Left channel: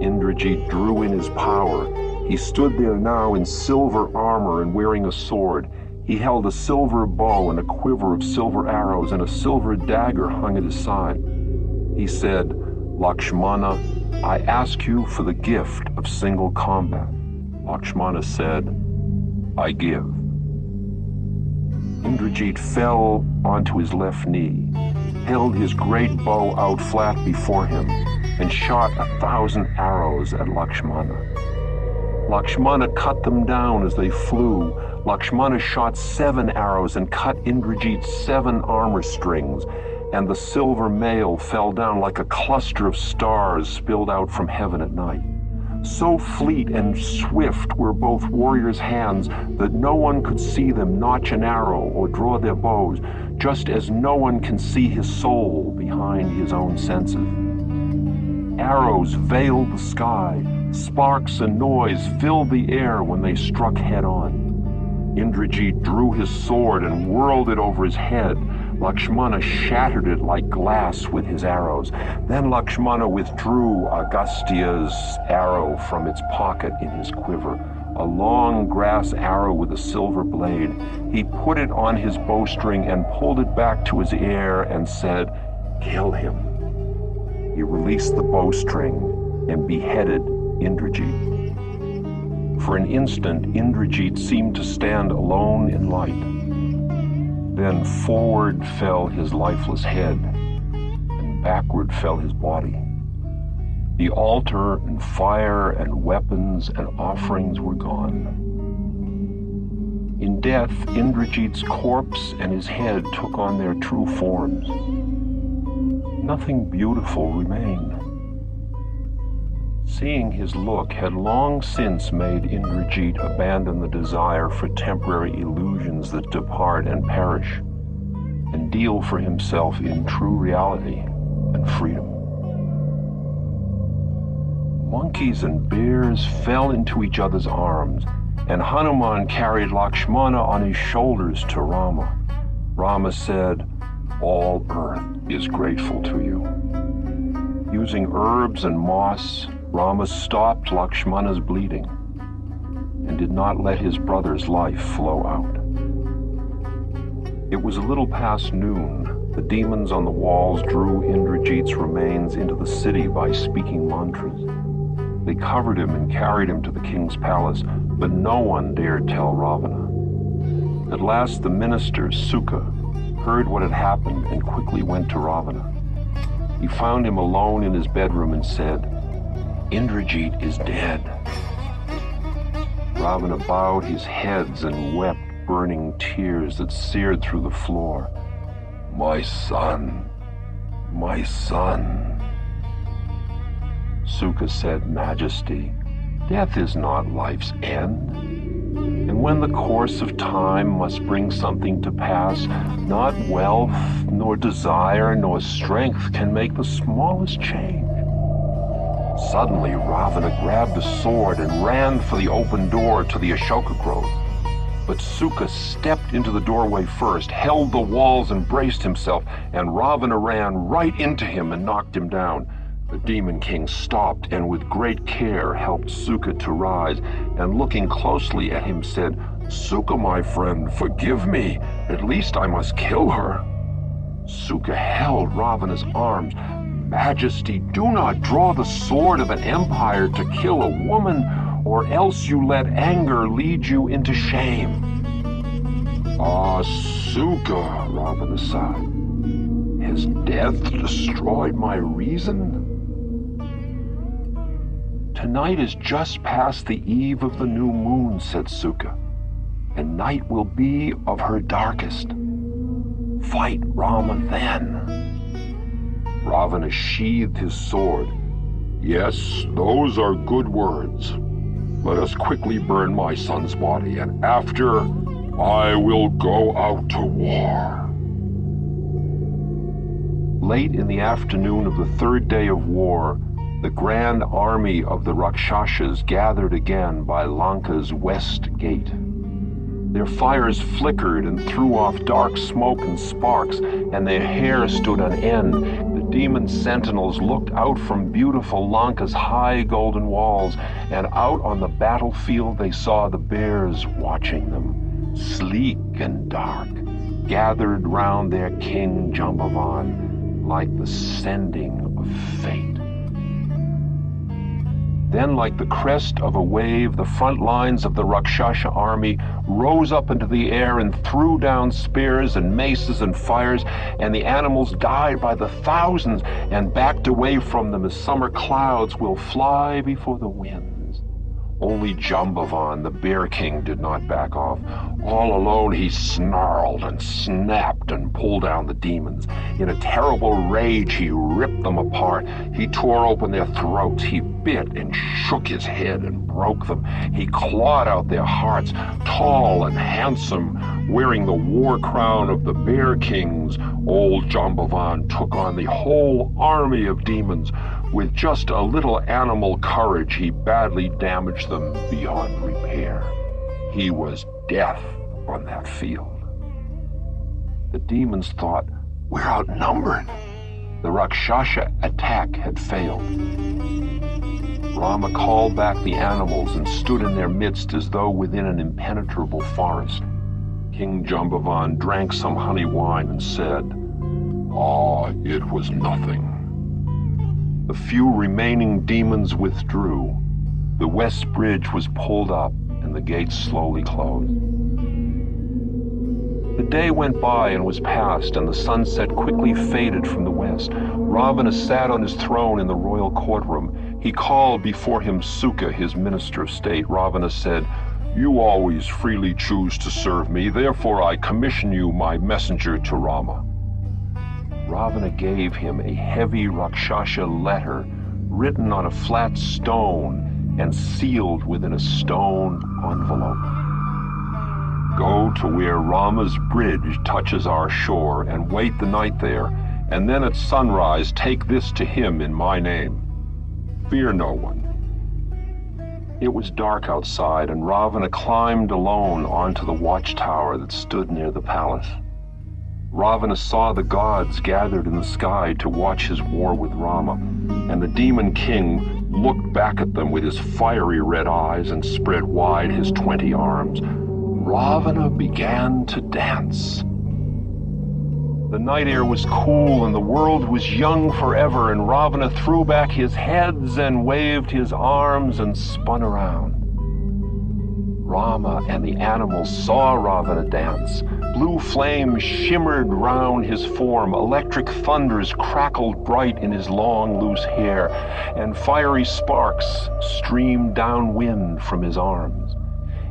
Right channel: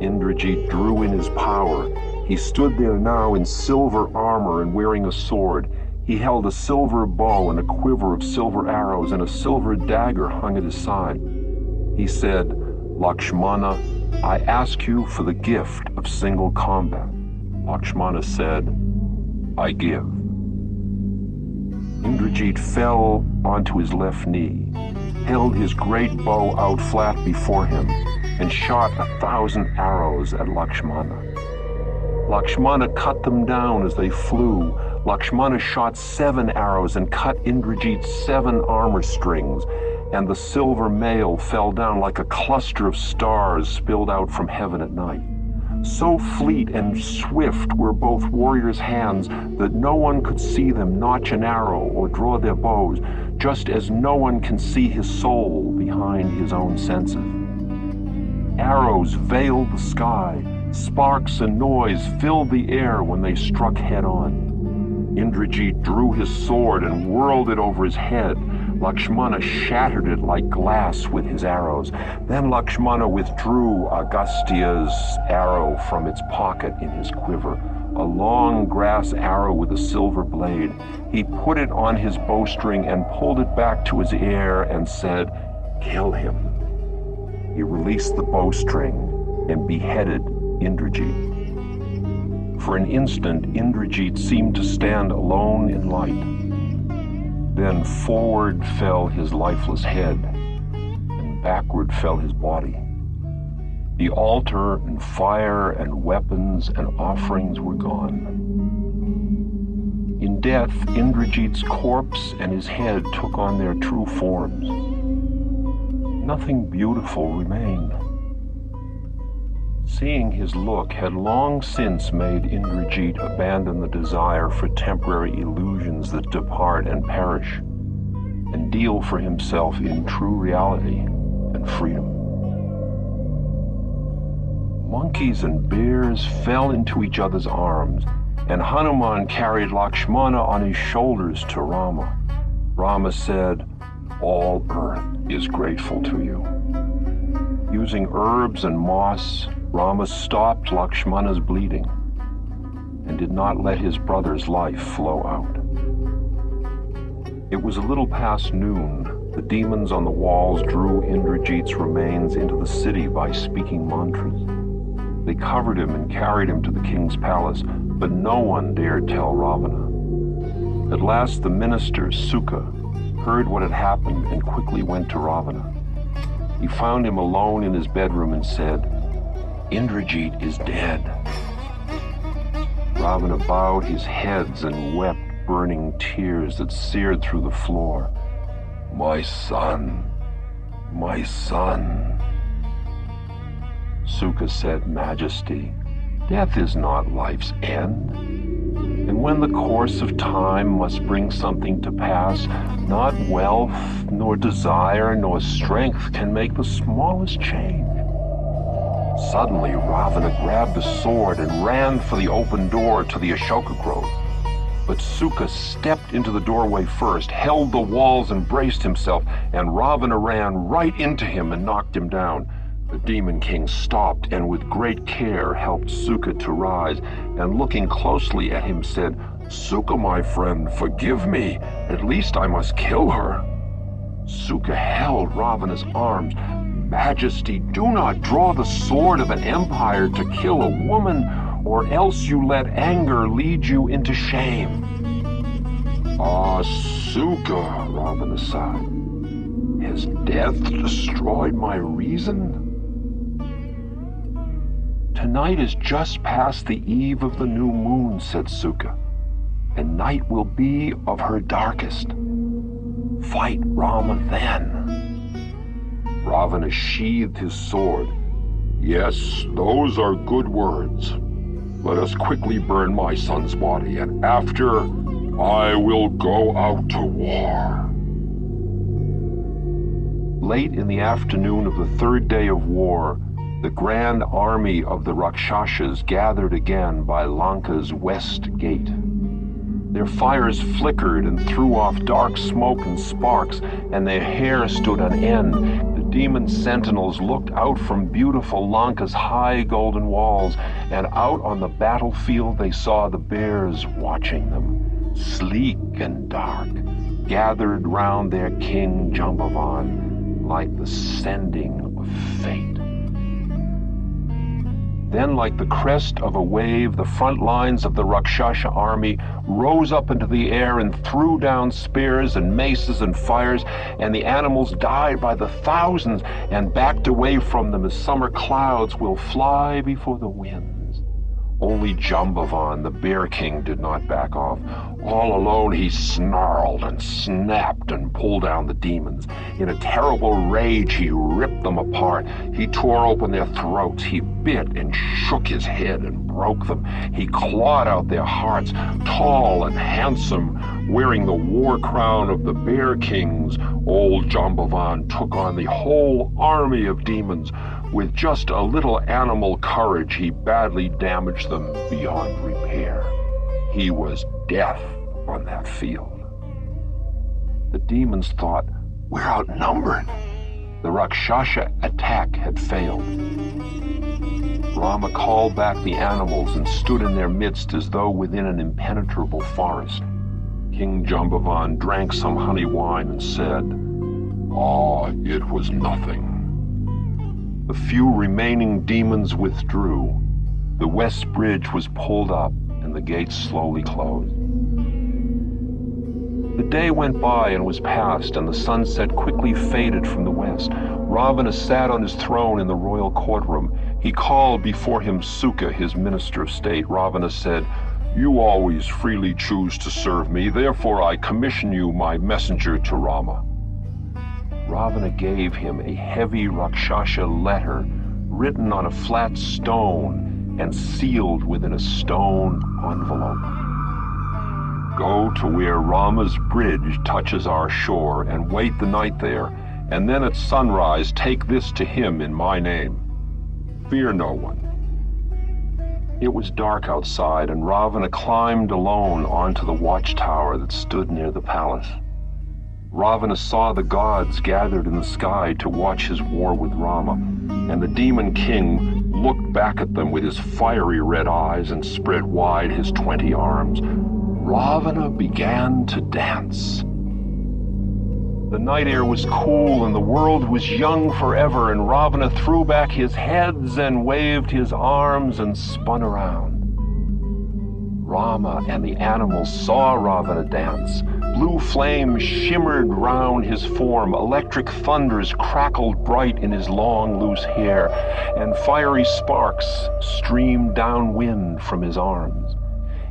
Indrajit drew in his power. He stood there now in silver armor and wearing a sword. He held a silver bow and a quiver of silver arrows, and a silver dagger hung at his side. He said, "Lakshmana, I ask you for the gift of single combat." Lakshmana said, "I give." Indrajit fell onto his left knee, held his great bow out flat before him, and shot 1,000 arrows at Lakshmana. Lakshmana cut them down as they flew. Lakshmana shot 7 arrows and cut Indrajit's 7 armor strings, and the silver mail fell down like a cluster of stars spilled out from heaven at night. So fleet and swift were both warriors' hands that no one could see them notch an arrow or draw their bows, just as no one can see his soul behind his own senses. Arrows veiled the sky. Sparks and noise filled the air when they struck head-on. Indrajit drew his sword and whirled it over his head. Lakshmana shattered it like glass with his arrows. Then Lakshmana withdrew Agastya's arrow from its pocket in his quiver, a long grass arrow with a silver blade. He put it on his bowstring and pulled it back to his ear and said, "Kill him." He released the bowstring and beheaded Indrajit. For an instant, Indrajit seemed to stand alone in light. Then forward fell his lifeless head, and backward fell his body. The altar and fire and weapons and offerings were gone. In death, Indrajit's corpse and his head took on their true forms. Nothing beautiful remained. Seeing his look had long since made Indrajit abandon the desire for temporary illusions that depart and perish, and deal for himself in true reality and freedom. Monkeys and bears fell into each other's arms, and Hanuman carried Lakshmana on his shoulders to Rama. Rama said, "All earth is grateful to you." Using herbs and moss, Rama stopped Lakshmana's bleeding and did not let his brother's life flow out. It was a little past noon. The demons on the walls drew Indrajit's remains into the city by speaking mantras. They covered him and carried him to the king's palace, but no one dared tell Ravana. At last the minister, Sukha, heard what had happened and quickly went to Ravana. He found him alone in his bedroom and said, "Indrajit is dead." Ravana bowed his head and wept burning tears that seared through the floor. "My son, my son." Sukha said, "Majesty, death is not life's end. And when the course of time must bring something to pass, not wealth, nor desire, nor strength can make the smallest change." Suddenly, Ravana grabbed a sword and ran for the open door to the Ashoka grove. But Sukha stepped into the doorway first, held the walls and braced himself, and Ravana ran right into him and knocked him down. The demon king stopped and with great care helped Sukha to rise, and looking closely at him said, "Sukha, my friend, forgive me. At least I must kill her." Sukha held Ravana's arms. "Majesty, do not draw the sword of an empire to kill a woman, or else you let anger lead you into shame." Sukha, Ravana sighed. "Has death destroyed my reason?" "Tonight is just past the eve of the new moon," said Sukha, "and night will be of her darkest. Fight Rama then." Ravana sheathed his sword. "Yes, those are good words. Let us quickly burn my son's body, and after, I will go out to war." Late in the afternoon of the 3rd day of war, the grand army of the Rakshasas gathered again by Lanka's west gate. Their fires flickered and threw off dark smoke and sparks, and their hair stood on end. The Demon sentinels looked out from beautiful Lanka's high golden walls, and out on the battlefield they saw the bears watching them, sleek and dark, gathered round their king Jambavan like the sending of fate. Then, like the crest of a wave, the front lines of the Rakshasa army rose up into the air and threw down spears and maces and fires, and the animals died by the thousands and backed away from them as summer clouds will fly before the winds. Only Jambavan, the Bear King, did not back off. All alone he snarled and snapped and pulled down the demons. In a terrible rage he ripped them apart. He tore open their throats. He bit and shook his head and broke them. He clawed out their hearts. Tall and handsome, wearing the war crown of the Bear Kings, old Jambavan took on the whole army of demons. With just a little animal courage, he badly damaged them beyond repair. He was death on that field. The demons thought, "We're outnumbered." The Rakshasa attack had failed. Rama called back the animals and stood in their midst as though within an impenetrable forest. King Jambavan drank some honey wine and said, "It was nothing." The few remaining demons withdrew. The west bridge was pulled up and the gates slowly closed. The day went by and was past, and the sunset quickly faded from the west. Ravana sat on his throne in the royal courtroom. He called before him Sukha, his minister of state. Ravana said, "You always freely choose to serve me, therefore I commission you my messenger to Rama." Ravana gave him a heavy Rakshasa letter written on a flat stone and sealed within a stone envelope. "Go to where Rama's bridge touches our shore and wait the night there, and then at sunrise take this to him in my name. Fear no one." It was dark outside, and Ravana climbed alone onto the watchtower that stood near the palace. Ravana saw the gods gathered in the sky to watch his war with Rama, and the demon king looked back at them with his fiery red eyes and spread wide his 20 arms. Ravana began to dance. The night air was cool and the world was young forever, and Ravana threw back his heads and waved his arms and spun around. Rama and the animals saw Ravana dance. Blue flames shimmered round his form, electric thunders crackled bright in his long, loose hair, and fiery sparks streamed downwind from his arms.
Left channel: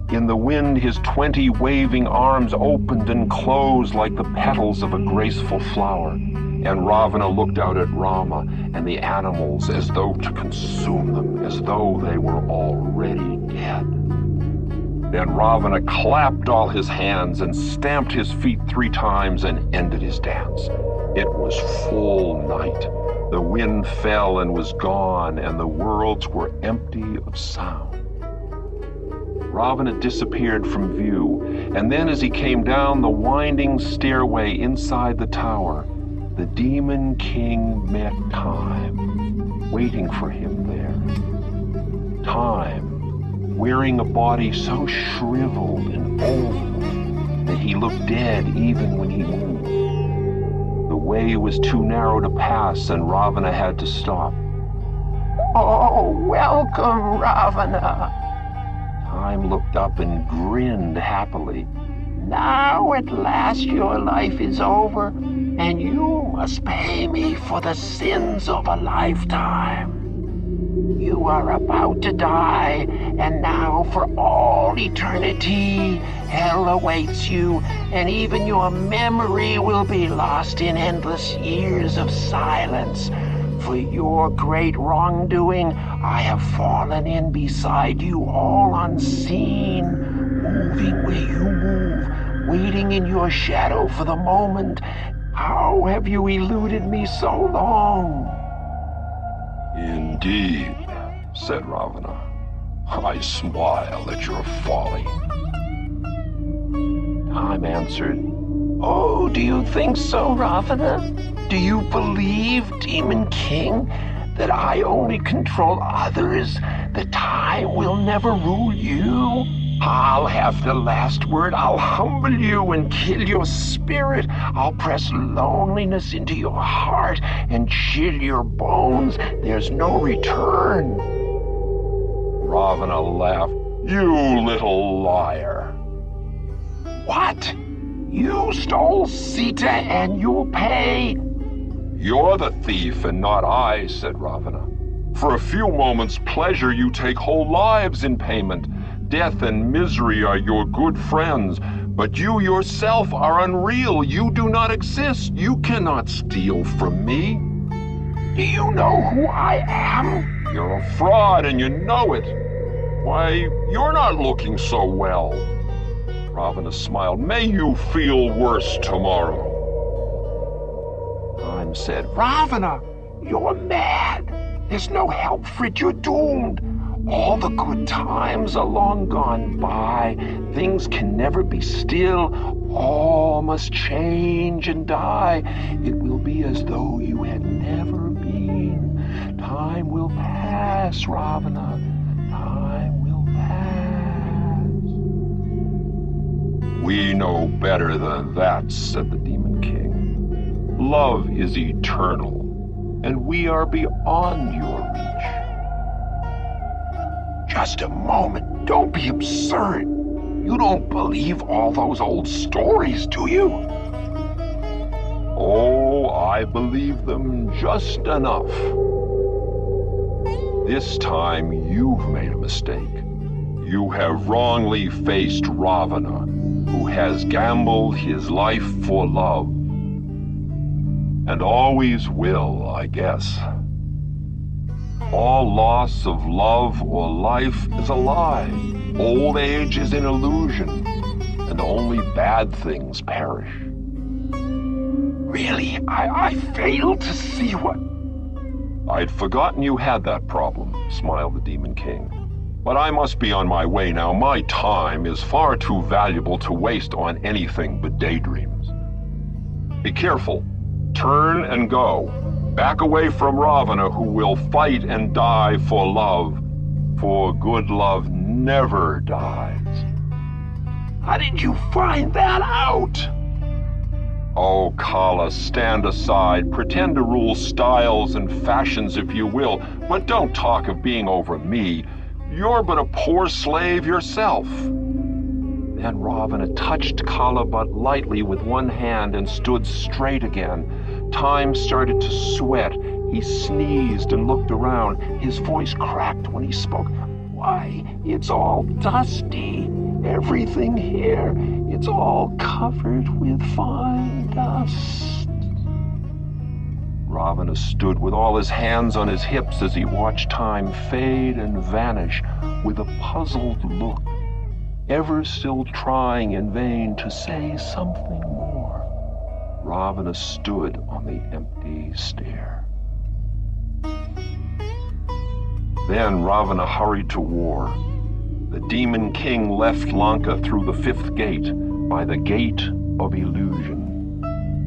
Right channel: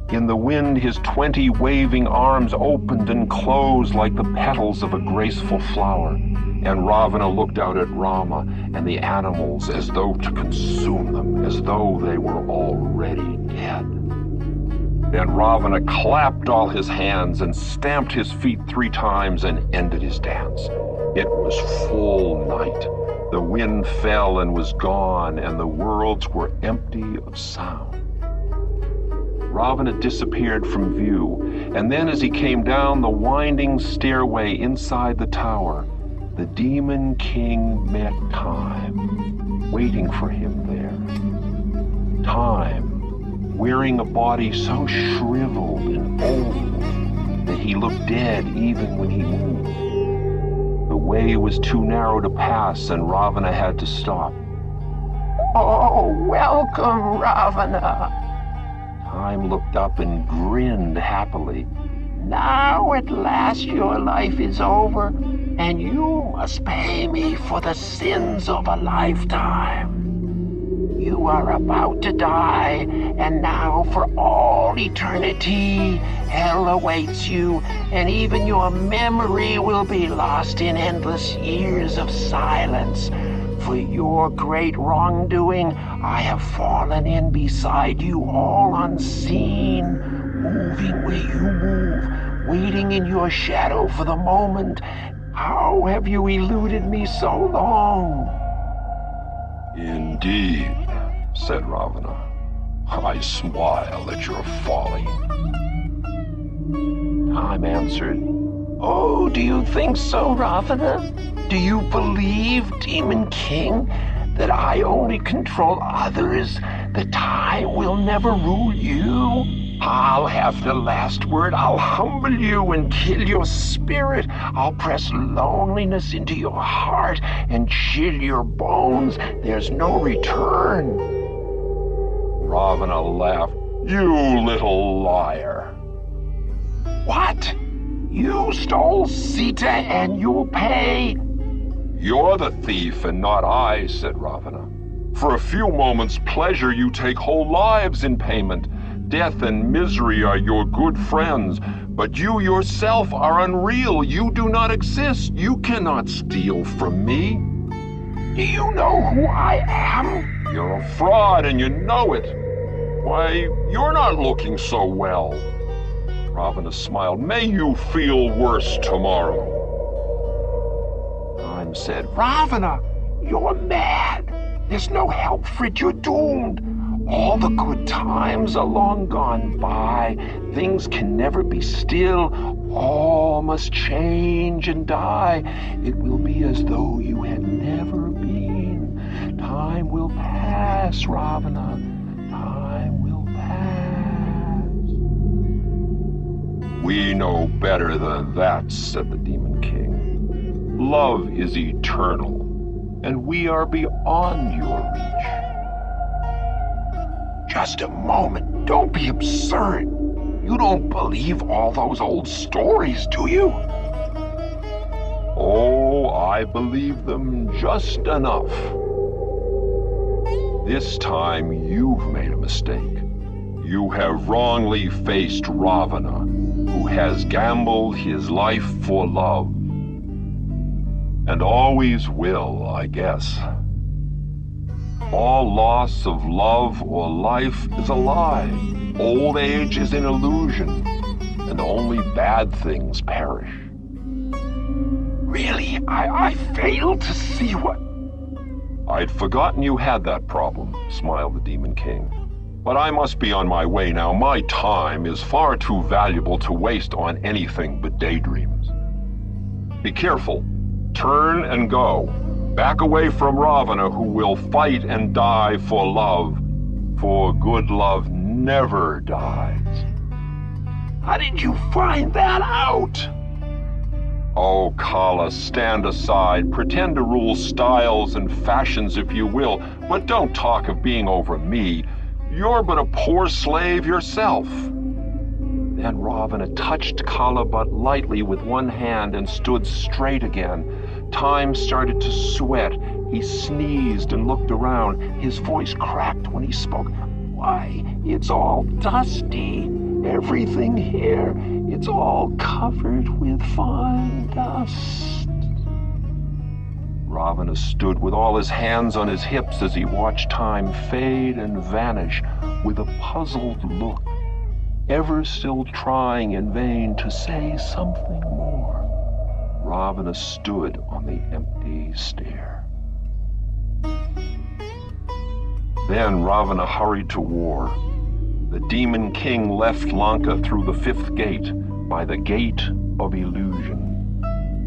In the wind, his 20 waving arms opened and closed like the petals of a graceful flower, and Ravana looked out at Rama and the animals as though to consume them, as though they were already dead. Then Ravana clapped all his hands and stamped his feet 3 times and ended his dance. It was full night. The wind fell and was gone, and the worlds were empty of sound. Ravana disappeared from view, and then as he came down the winding stairway inside the tower, the demon king met Time, waiting for him there. Time, wearing a body so shriveled and old that he looked dead even when he moved. The way was too narrow to pass, and Ravana had to stop. "Oh, welcome, Ravana." Time looked up and grinned happily. "Now at last your life is over, and you must pay me for the sins of a lifetime. You are about to die, and now for all eternity, hell awaits you, and even your memory will be lost in endless years of silence. For your great wrongdoing, I have fallen in beside you all unseen, moving where you move, waiting in your shadow for the moment. How have you eluded me so long?" "Indeed," said Ravana. "I smile at your folly." Time answered, Oh, do you think so, Ravana? Do you believe, Demon King, that I only control others, that I will never rule you? I'll have the last word. I'll humble you and kill your spirit. I'll press loneliness into your heart and chill your bones. There's no return. Ravana laughed. You little liar. What? You stole Sita and you'll pay? You're the thief and not I, said Ravana. For a few moments' pleasure you take whole lives in payment. Death and misery are your good friends, but you yourself are unreal. You do not exist. You cannot steal from me. Do you know who I am? You're a fraud and you know it. Why, you're not looking so well. Ravana smiled. May you feel worse tomorrow. Time said, Ravana, you're mad. There's no help for it. You're doomed. All the good times are long gone by. Things can never be still. All must change and die. It will be as though you had never been. Time will pass, Ravana. Time will pass. We know better than that, said the Demon King. Love is eternal, and we are beyond your reach. Just a moment. Don't be absurd. You don't believe all those old stories, do you? Oh, I believe them just enough. This time you've made a mistake. You have wrongly faced Ravana, who has gambled his life for love. And always will, I guess. All loss of love or life is a lie. Old age is an illusion, and only bad things perish. Really? I failed to see what... I'd forgotten you had that problem, smiled the Demon King. But I must be on my way now. My time is far too valuable to waste on anything but daydreams. Be careful. Turn and go. Back away from Ravana, who will fight and die for love. For good love never dies. How did you find that out? Oh, Kala, stand aside. Pretend to rule styles and fashions if you will, but don't talk of being over me. You're but a poor slave yourself. Then Ravana touched Kala but lightly with one hand and stood straight again. Time started to sweat. He sneezed and looked around. His voice cracked when he spoke. Why, it's all dusty. Everything here, it's all covered with fine dust. Ravana stood with all his hands on his hips as he watched time fade and vanish with a puzzled look, ever still trying in vain to say something more. Ravana stood on the empty stair. Then Ravana hurried to war. The Demon King left Lanka through the 5th gate, by the Gate of Illusion.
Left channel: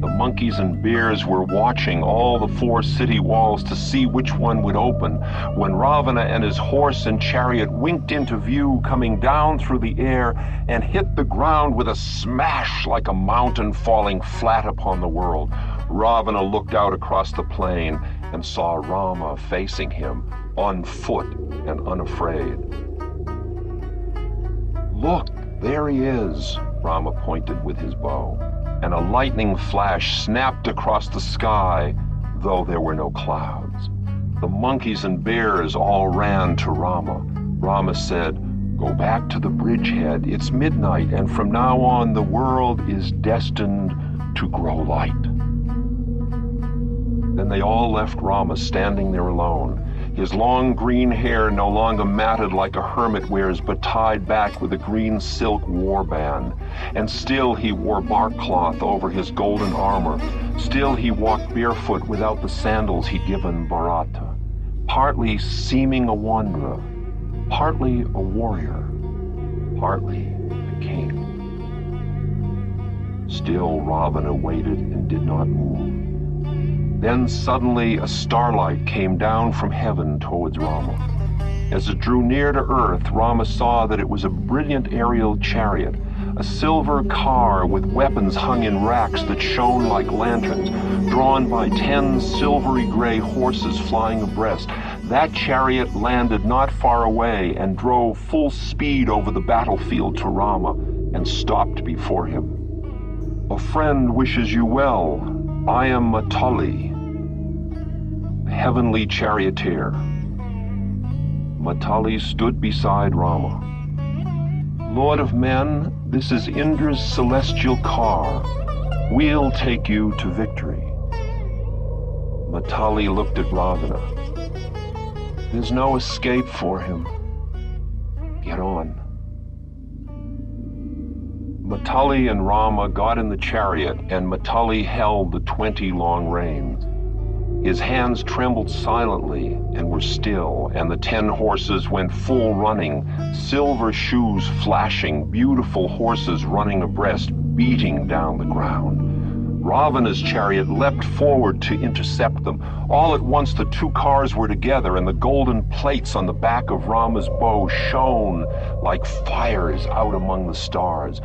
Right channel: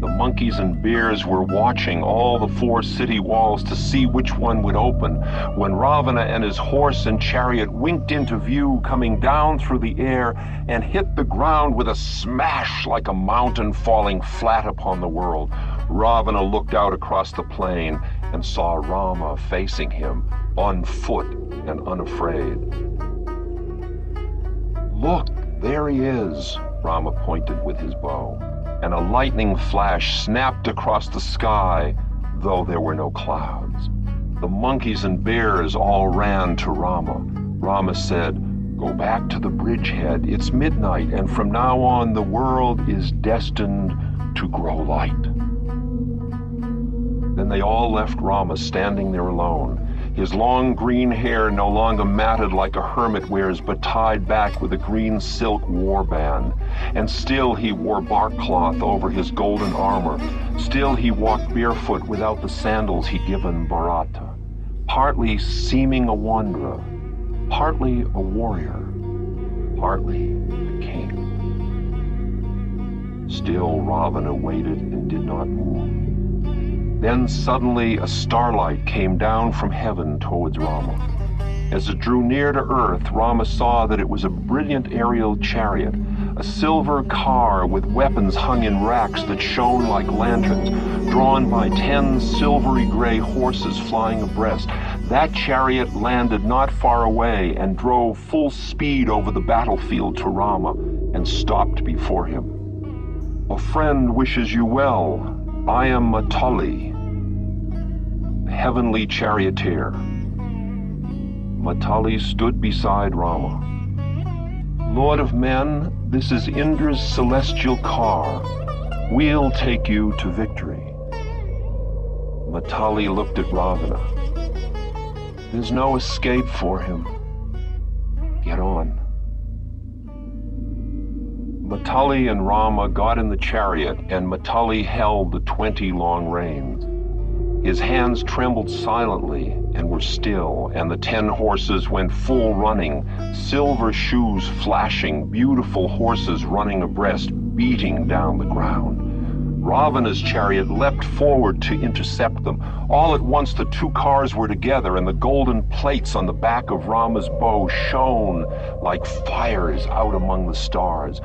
The monkeys and bears were watching all the 4 city walls to see which one would open, when Ravana and his horse and chariot winked into view, coming down through the air and hit the ground with a smash like a mountain falling flat upon the world. Ravana looked out across the plain and saw Rama facing him, on foot and unafraid. Look, there he is, Rama pointed with his bow, and a lightning flash snapped across the sky, though there were no clouds. The monkeys and bears all ran to Rama. Rama said, "Go back to the bridgehead. It's midnight, and from now on the world is destined to grow light." Then they all left Rama standing there alone. His long green hair no longer matted like a hermit wears, but tied back with a green silk warband. And still he wore bark cloth over his golden armor. Still he walked barefoot without the sandals he'd given Bharata. Partly seeming a wanderer, partly a warrior, partly a king. Still Ravana waited and did not move. Then suddenly a starlight came down from heaven towards Rama. As it drew near to earth, Rama saw that it was a brilliant aerial chariot, a silver car with weapons hung in racks that shone like lanterns, drawn by 10 silvery gray horses flying abreast. That chariot landed not far away and drove full speed over the battlefield to Rama and stopped before him. "A friend wishes you well. I am Matali, heavenly charioteer." Matali stood beside Rama. "Lord of men, this is Indra's celestial car. We'll take you to victory." Matali looked at Ravana. "There's no escape for him. Get on." Matali and Rama got in the chariot, and Matali held the 20 long reins. His hands trembled silently and were still, and the 10 horses went full running, silver shoes flashing, beautiful horses running abreast, beating down the ground. Ravana's chariot leapt forward to intercept them. All at once the 2 cars were together, and the golden plates on the back of Rama's bow shone like fires out among the stars.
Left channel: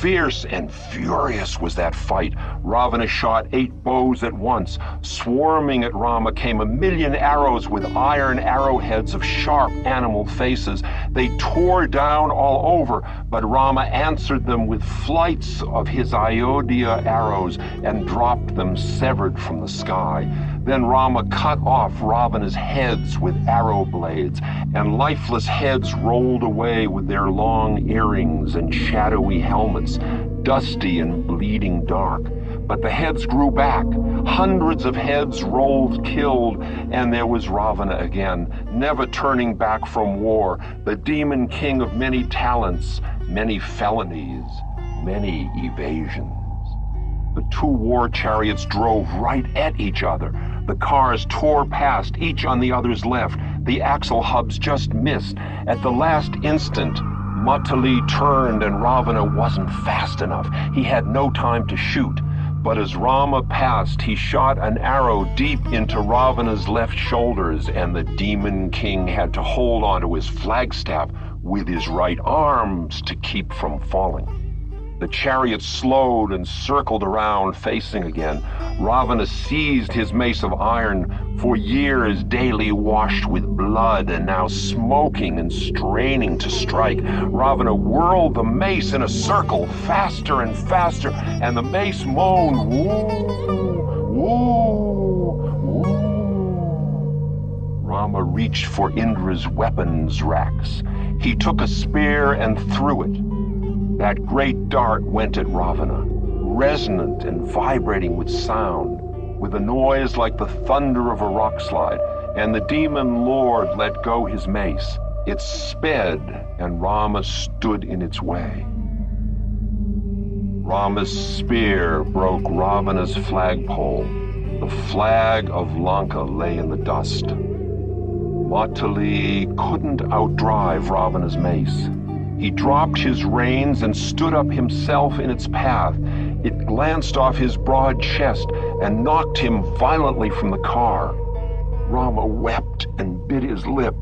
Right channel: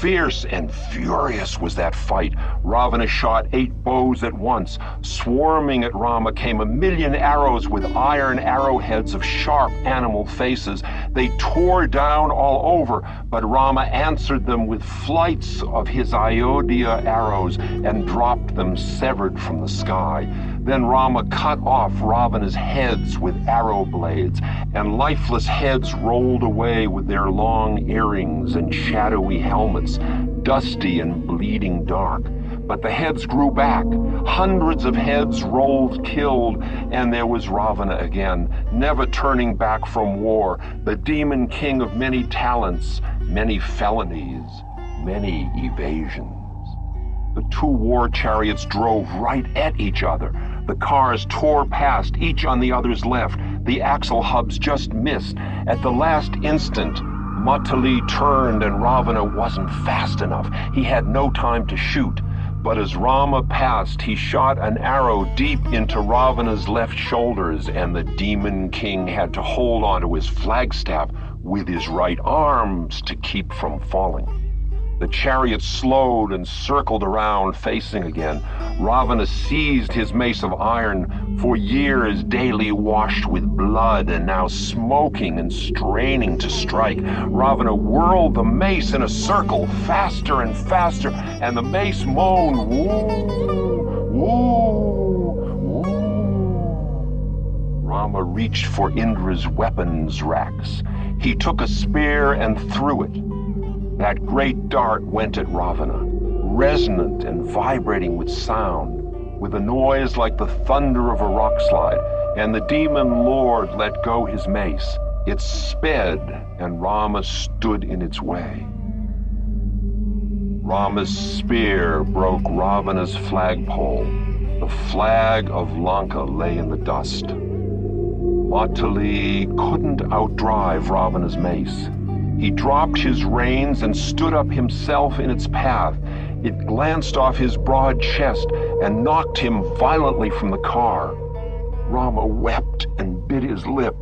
Fierce and furious was that fight. Ravana shot 8 bows at once. Swarming at Rama came 1,000,000 arrows with iron arrowheads of sharp animal faces. They tore down all over, but Rama answered them with flights of his Ayodhya arrows and dropped them severed from the sky. Then Rama cut off Ravana's heads with arrow blades, and lifeless heads rolled away with their long earrings and shadowy helmets, dusty and bleeding dark. But the heads grew back. Hundreds of heads rolled killed, and there was Ravana again, never turning back from war, the demon king of many talents, many felonies, many evasions. The 2 war chariots drove right at each other. The cars tore past, each on the other's left. The axle hubs just missed. At the last instant, Matali turned and Ravana wasn't fast enough. He had no time to shoot. But as Rama passed, he shot an arrow deep into Ravana's left shoulders, and the demon king had to hold onto his flagstaff with his right arms to keep from falling. The chariot slowed and circled around, facing again. Ravana seized his mace of iron, for years daily washed with blood and now smoking and straining to strike. Ravana whirled the mace in a circle, faster and faster, and the mace moaned, "Woo, woo, woo." Rama reached for Indra's weapons racks. He took a spear and threw it. That great dart went at Ravana, resonant and vibrating with sound, with a noise like the thunder of a rockslide, and the demon lord let go his mace. It sped, and Rama stood in its way. Rama's spear broke Ravana's flagpole. The flag of Lanka lay in the dust. Matali couldn't outdrive Ravana's mace. He dropped his reins and stood up himself in its path. It glanced off his broad chest and knocked him violently from the car. Rama wept and bit his lip.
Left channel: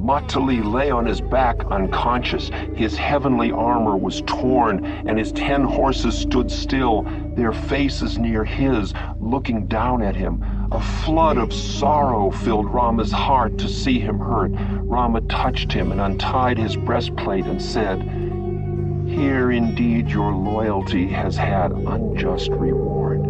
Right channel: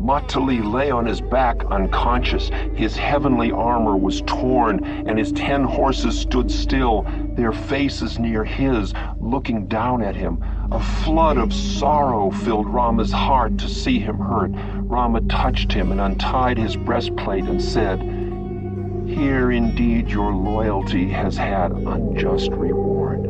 Matali lay on his back unconscious. His heavenly armor was torn, and his 10 horses stood still, their faces near his, looking down at him. A flood of sorrow filled Rama's heart to see him hurt. Rama touched him and untied his breastplate and said, "Here indeed your loyalty has had unjust reward."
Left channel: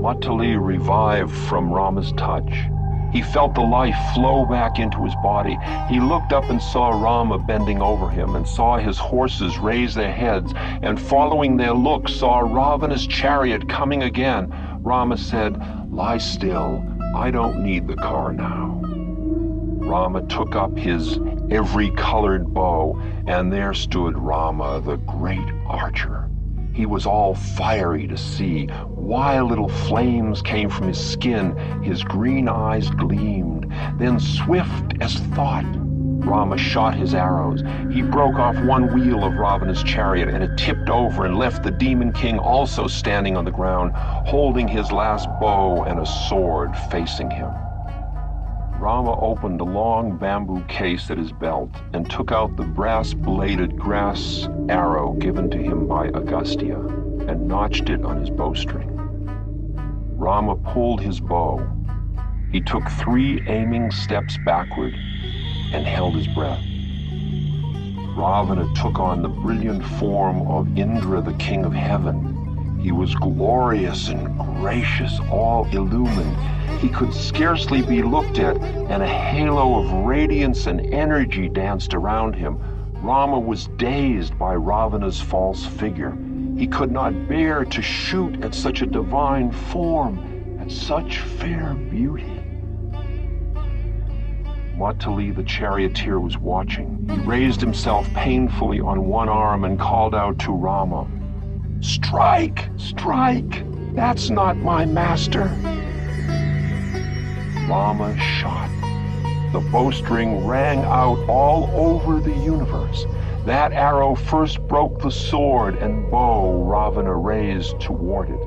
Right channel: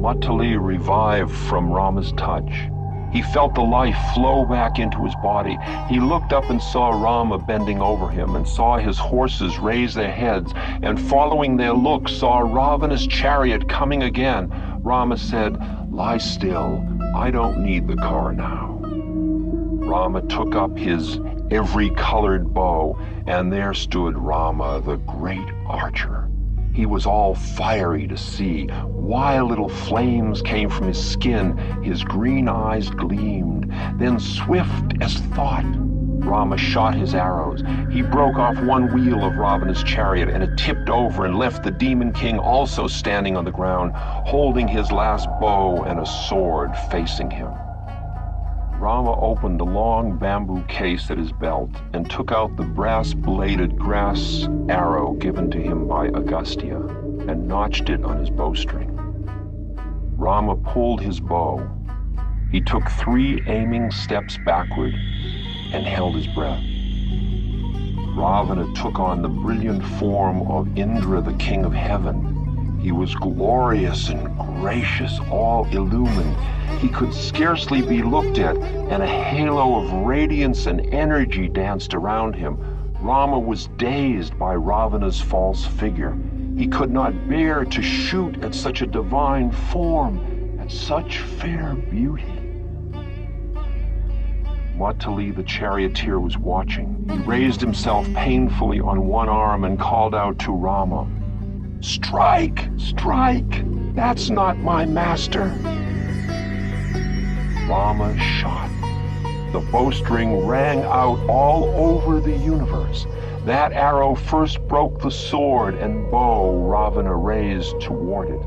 Matali revived from Rama's touch. He felt the life flow back into his body. He looked up and saw Rama bending over him, and saw his horses raise their heads, and following their look saw Ravana's chariot coming again. Rama said, "Lie still. I don't need the car now." Rama took up his every colored bow, and there stood Rama, the great archer. He was all fiery to see. Wild little flames came from his skin. His green eyes gleamed. Then swift as thought, Rama shot his arrows. He broke off one wheel of Ravana's chariot, and it tipped over and left the demon king also standing on the ground, holding his last bow and a sword facing him. Rama opened a long bamboo case at his belt and took out the brass-bladed grass arrow given to him by Agastya and notched it on his bowstring. Rama pulled his bow. He took 3 aiming steps backward and held his breath. Ravana took on the brilliant form of Indra, the king of heaven. He was glorious and gracious, all illumined. He could scarcely be looked at, and a halo of radiance and energy danced around him. Rama was dazed by Ravana's false figure. He could not bear to shoot at such a divine form, at such fair beauty. Matali, the charioteer, was watching. He raised himself painfully on one arm and called out to Rama, "Strike! Strike! That's not my master!" Rama shot. The bowstring rang out all over the universe. That arrow first broke the sword and bow Ravana raised toward it.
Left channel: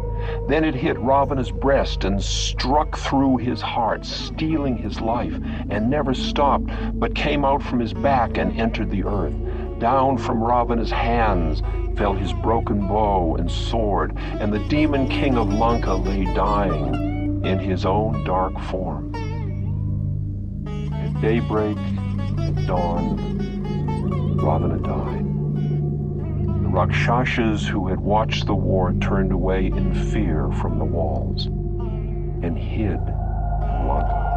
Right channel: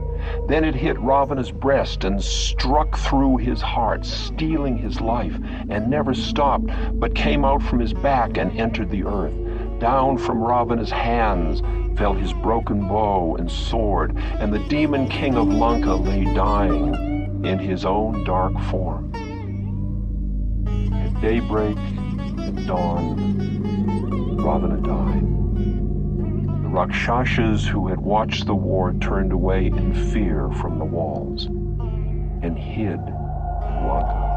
Then it hit Ravana's breast and struck through his heart, stealing his life, and never stopped, but came out from his back and entered the earth. Down from Ravana's hands fell his broken bow and sword, and the demon king of Lanka lay dying in his own dark form. At daybreak, at dawn, Ravana died. The Rakshasas who had watched the war turned away in fear from the walls and hid in Lanka.